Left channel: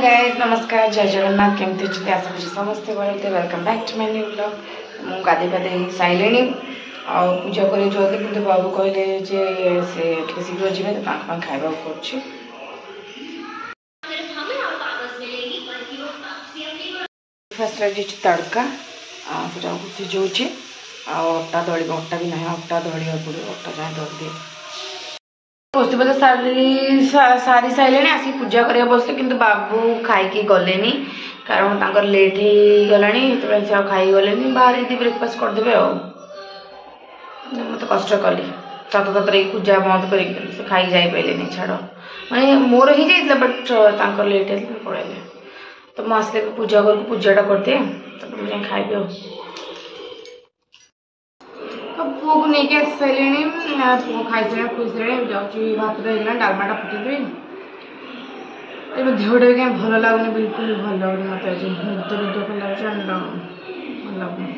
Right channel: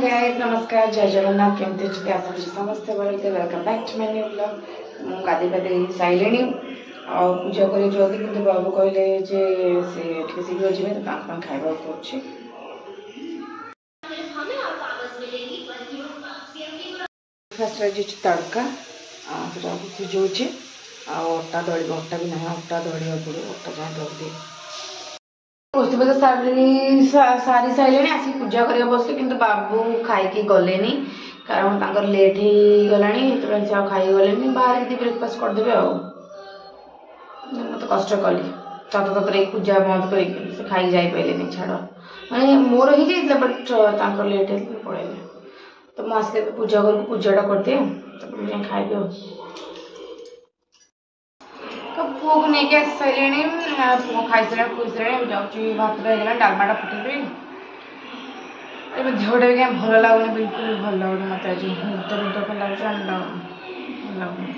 Guys नमस्कार जय जगन्नाथ केमती अच्छे आशा करी समस्ते भले welcome back to my new blog. मु गाधे पाधे सारे आ पूजा कर जल्दी कि बाबू कहले से शीघ्र जी तो खावा कर तड़का सिझे अटा दल अटा भी ना अटा दलिया पड़ो अटा जाए दल दिए बस बस सारी सारे आसिक पूजा करा बसले कि बाबू खाई गले कारण लेट हो गला से खाई गले बाहर यदि ब्रेकफास्ट करदे मत कष्ट कली तत ततर पूजा बंद कर खाई जाए पारे छाड़ मैंने मोर ही जाइए बट लेट है पड़े तो मुझे आसले पूजा कर पूजाटा करदे तब मुझे खाइबी तो पुआ को लेकिन आस सारे पुआ खाई सारे खुश जाऊँगी भात होगा डालमाटा फुटेदेवी देहटा भी क्या भल लगुनि बिल्कुल भी भल लगुनि मत आज निद निद खाली भल लगुनि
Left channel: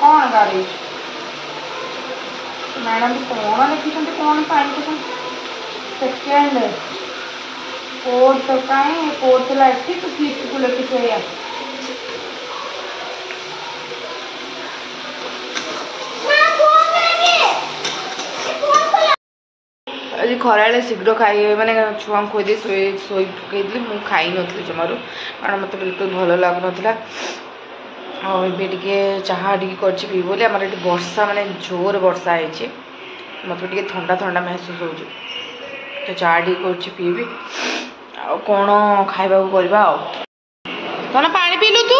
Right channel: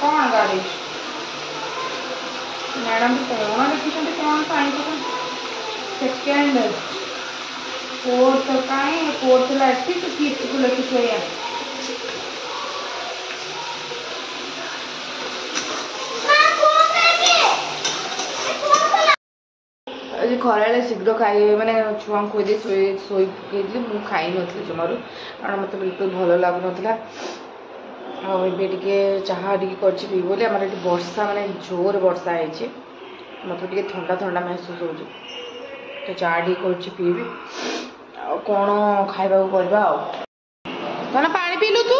कौन गाड़ी मैडम कौन लिखी कौन पाई सेकेंड फोर्थ कहीं फोर्थ लाइक तो फिफ्थ को लिखी आज खरा शीघ्र खाई मैंने छुआ खोदे शोई पकईदी मुझे खाई नी जमारू कारण मत बिल्कुल भल लगुन टे चाहा कर बोली आम वर्षा माने जोर वर्षा है मत टे ठंडा ठंडा महसूस हो तो चाहा कर पीबी कौन खावा करवा कौन पा पीलु तू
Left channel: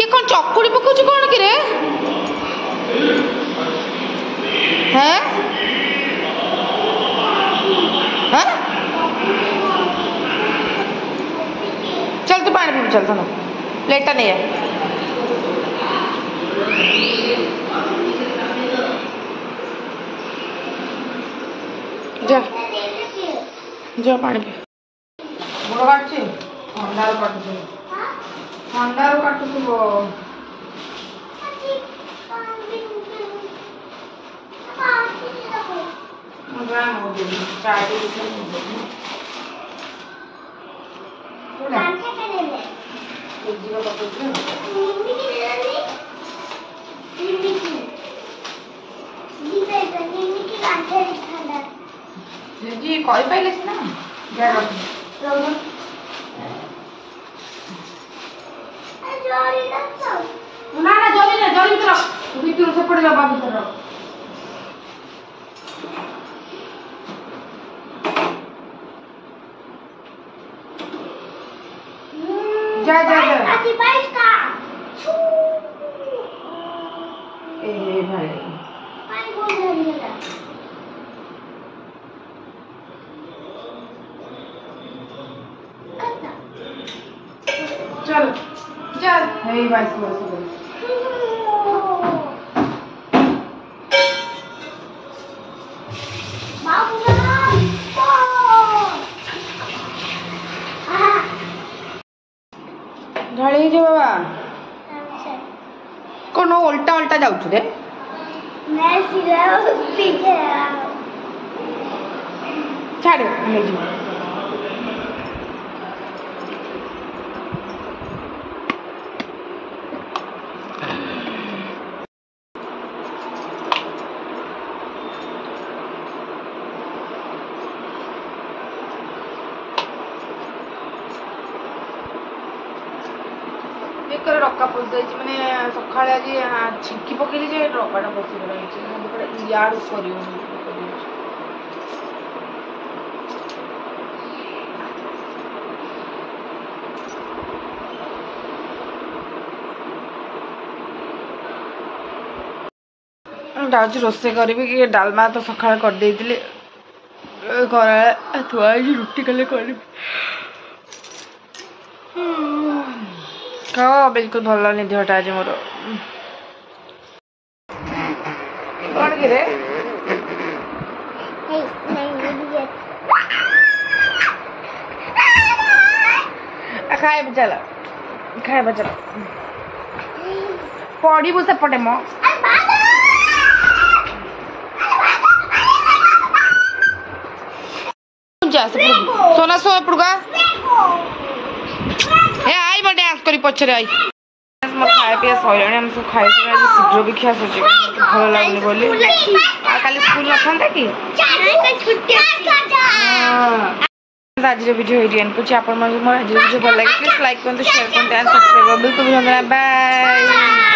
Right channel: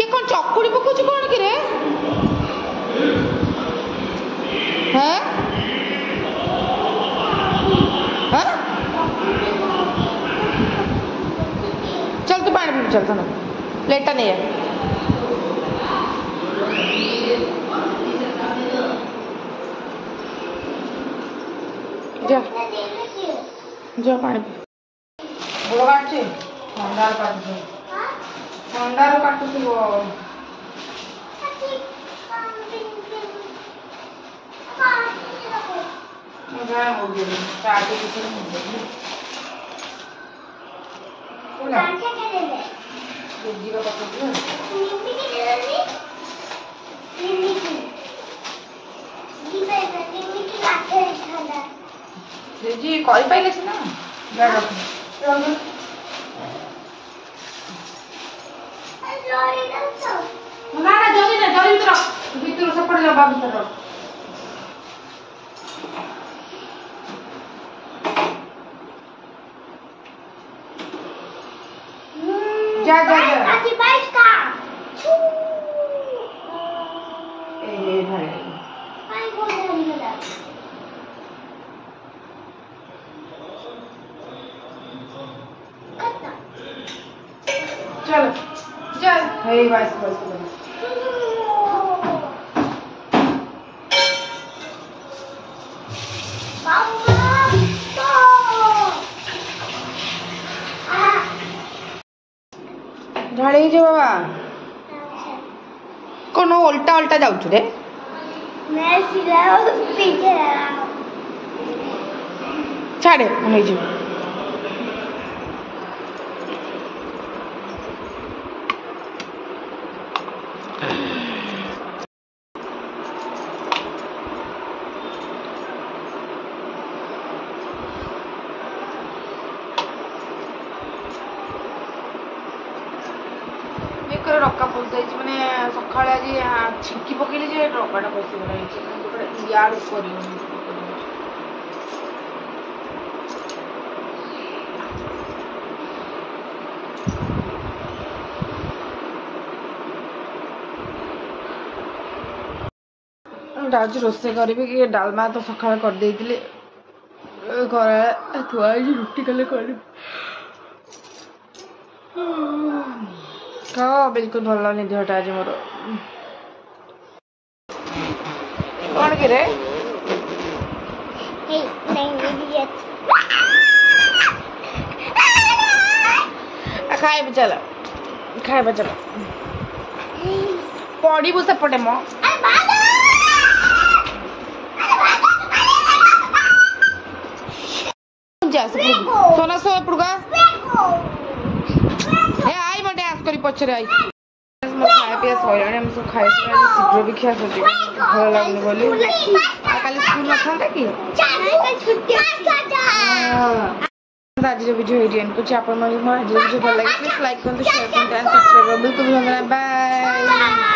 ये कौन चकुड़ी पकाऊ कौन कि चल तू पानी पी चल सुनो प्लेटा नहीं है जा जा पानी पी गोड़ काटुचे ठंडार काटुचे ठंडार काटुचे जी कही पाइले ना ना जल्दी भीतर से पड़ जाओ भीतर जा जा जा ए भाई चल चल हे बस बस ढाई जो बाबा कौन उल्टा उल्टा जाऊँ रे मैं सीधा पीछे छाड़े हमें जी बेकर रका पशि मैंने सका आज छिंकी पकड़ी जे रकाटा पशिगला याद कर जाऊँ रोसे करी कि डालमा तो सका करदे थुआ रुटी कले कर बिल्कुल भल नहीं देहटा आज मोर कौन कि रे खाए चल खाए चल पड़ू सेपटे मो सोना सो एपड़का हे आई मैं डांस करी पछरे आई मोर खाए पिया सैलाणी हम सब खाए शीघ्र भी खिया सोचे भल लगुनि बोली काली स्कूल न कि आज वीडियो ये एंड कुछ आप आज वीडियो भल लगे प्लीज लाइक करते शेयर करते एंड सब्सक्राइब बिल्कुल भी बाय।